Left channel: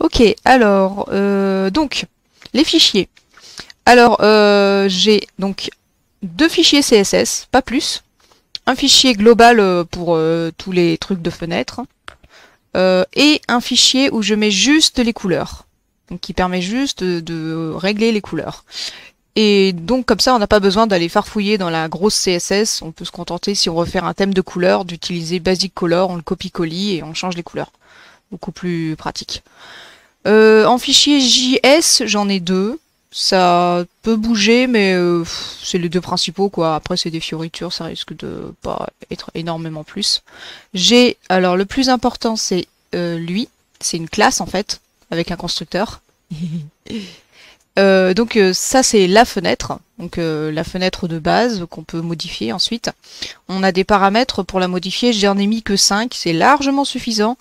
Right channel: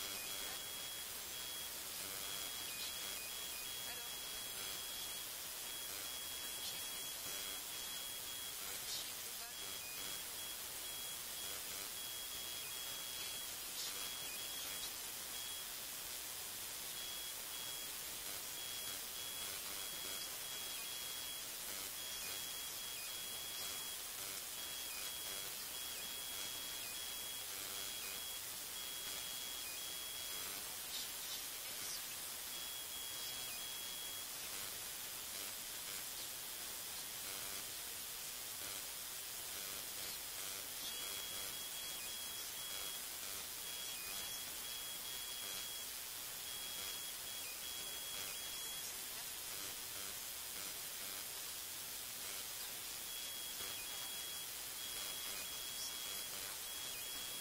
Ok, alors, donc, les fichiers. Alors, j'ai donc deux fichiers CSS, pas plus. Un fichier global pour tous les trucs de fenêtre. Et un fichier où je mets juste les couleurs. Donc, qui permet juste de régler les couleurs. Et donc comme ça, on n'a pas besoin d'aller farfouiller dans la grosse CSS. On peut se contenter, si on veut faire un thème de couleur, d'utiliser Basic Color, on le copie-colle et on change les couleurs. Beaucoup plus pratique. En fichier JS, j'en ai deux. Ça peut bouger, mais c'est les deux principaux, quoi. Après, c'est des fioritures, ça risque de pas être énormément plus. Alors le plus important, c'est lui. C'est une classe, en fait, avec un constructeur. Donc ça c'est la fenêtre, donc la fenêtre de base qu'on peut modifier ensuite. On a des paramètres pour la modifier, j'en ai mis que 5, c'est largement suffisant.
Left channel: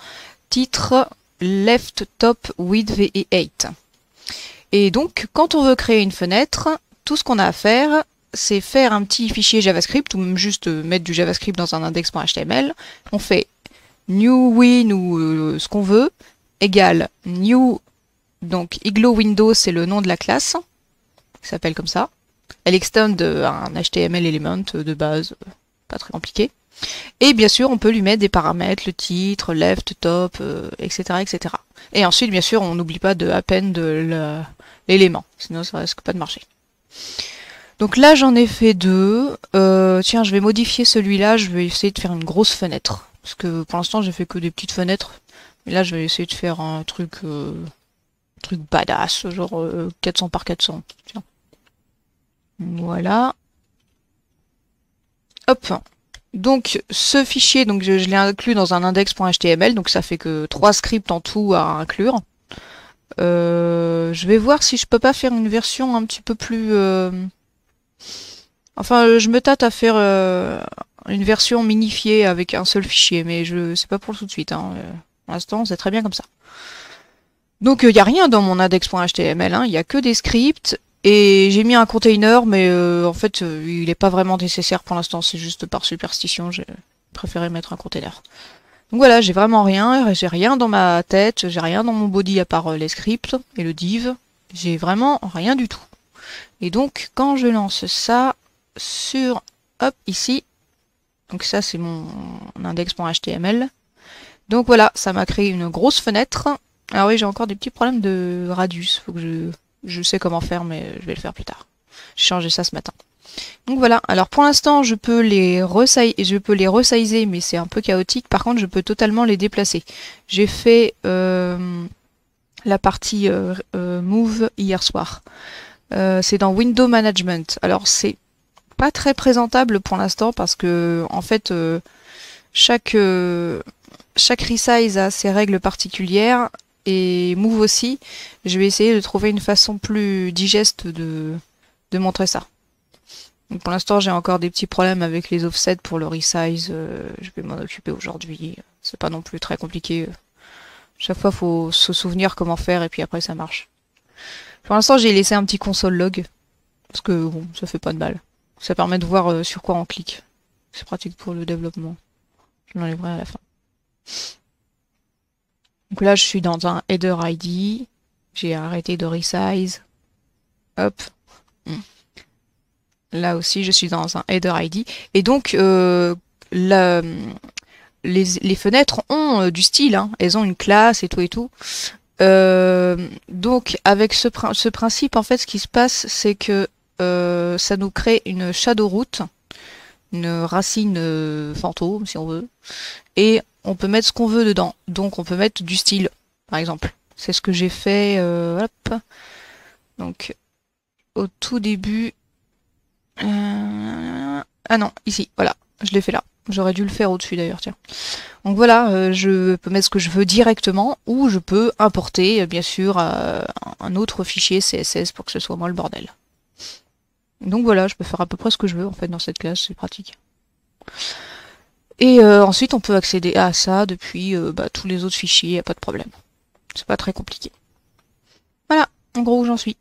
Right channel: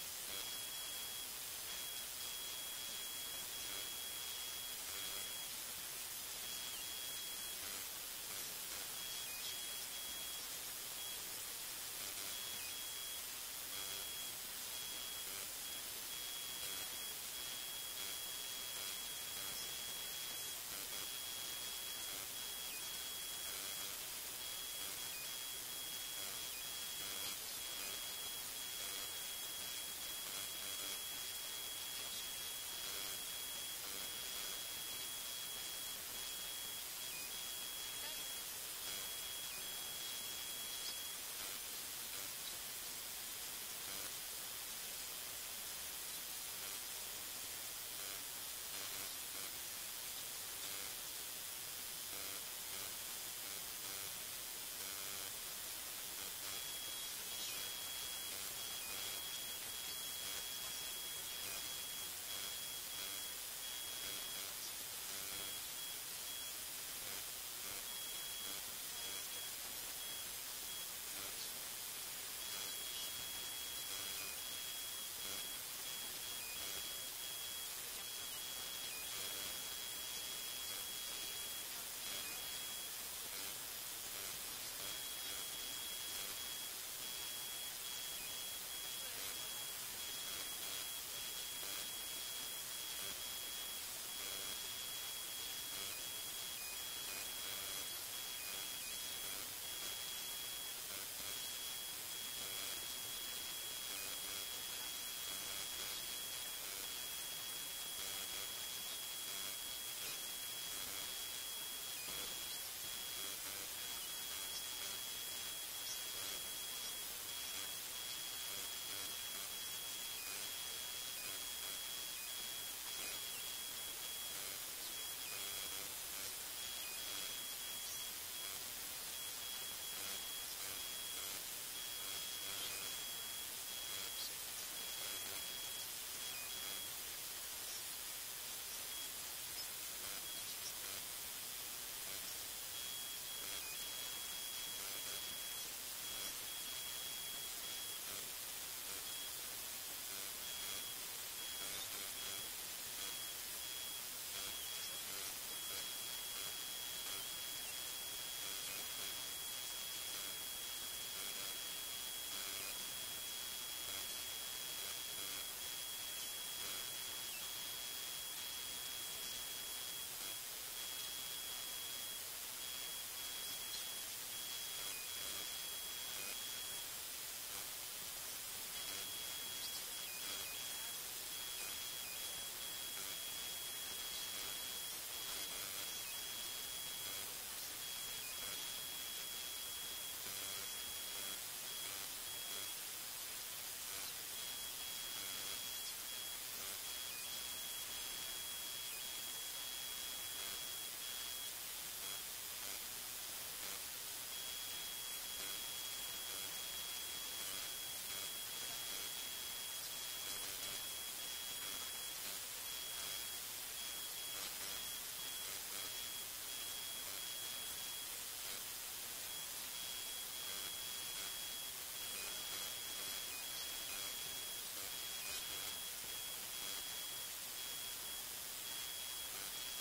Titre, left, top, width et height. Et donc quand on veut créer une fenêtre, tout ce qu'on a à faire, c'est faire un petit fichier JavaScript ou même juste mettre du JavaScript dans un index.html. On fait new win ou ce qu'on veut, égale new. Donc Igloo Windows, c'est le nom de la classe, qui s'appelle comme ça. Elle extend un HTML element de base, pas très compliqué. Et bien sûr, on peut lui mettre des paramètres, le titre, left, top, etc., etc. Et ensuite, bien sûr, on n'oublie pas de append l'élément, sinon ça risque pas de marcher. Donc là, j'en ai fait deux. Tiens, je vais modifier celui-là, je vais essayer de faire une grosse fenêtre. Parce que pour l'instant, j'ai fait que des petites fenêtres. Et là, je vais essayer de faire un truc badass, genre 400 par 400. Tiens. Voilà. Hop. Donc ce fichier, donc je l'ai inclus dans un index.html, donc ça fait que 3 scripts en tout à inclure. Je vais voir si je peux pas faire une version un petit peu plus... Enfin, je me tâte à faire une version minifiée avec un seul fichier, mais je sais pas pour tout de suite. Hein. Pour l'instant, c'est très bien comme ça. Donc il n'y a rien dans mon index.html, hein. Il n'y a que des scripts. Et j'ai mis un container, mais en fait, il n'est pas vraiment nécessaire pour l'instant. C'est juste par superstition, j'ai préféré mettre un container. Donc voilà, j'ai rien dans ma tête, j'ai rien dans mon body à part les scripts et le div. J'ai vraiment rien du tout. Et donc, quand je lance ça sur, hop, ici, donc ça c'est mon index.html. Donc voilà, ça m'a créé une grosse fenêtre. Alors oui, j'ai encore des petits problèmes de radius. Faut que je sais comment faire, mais je vais le faire plus tard. J'ai changé ça ce matin. Donc voilà, alors pour l'instant je peux les resizer, mais c'est un peu chaotique. Par contre, je peux totalement les déplacer. J'ai fait la partie move hier soir. C'est dans Window Management. Alors c'est pas très présentable pour l'instant parce que en fait chaque chaque resize a ses règles particulières et move aussi. Je vais essayer de trouver une façon plus digeste de montrer ça. Donc pour l'instant, j'ai encore des petits problèmes avec les offsets pour le resize. Je vais m'en occuper aujourd'hui. C'est pas non plus très compliqué. Chaque fois, faut se souvenir comment faire et puis après, ça marche. Pour l'instant, j'ai laissé un petit console log parce que bon, ça fait pas de mal. Ça permet de voir sur quoi on clique. C'est pratique pour le développement. Je l'enlèverai à la fin. Donc là, je suis dans un header ID. J'ai arrêté de resize. Hop. Là aussi, je suis dans un header ID. Et donc, les fenêtres ont du style. Hein. Elles ont une classe et tout et tout. Donc, avec ce principe, en fait, ce qui se passe, c'est que ça nous crée une shadow root, une racine fantôme, si on veut. Et on peut mettre ce qu'on veut dedans. Donc, on peut mettre du style, par exemple. C'est ce que j'ai fait. Hop. Donc, au tout début, ah non, ici, voilà, je l'ai fait là. J'aurais dû le faire au-dessus d'ailleurs, tiens. Donc voilà, je peux mettre ce que je veux directement, ou je peux importer, bien sûr, un autre fichier CSS pour que ce soit moins le bordel. Donc voilà, je peux faire à peu près ce que je veux en fait dans cette classe, c'est pratique. Et ensuite, on peut accéder à ça depuis tous les autres fichiers, y a pas de problème. C'est pas très compliqué. Voilà, en gros où j'en suis.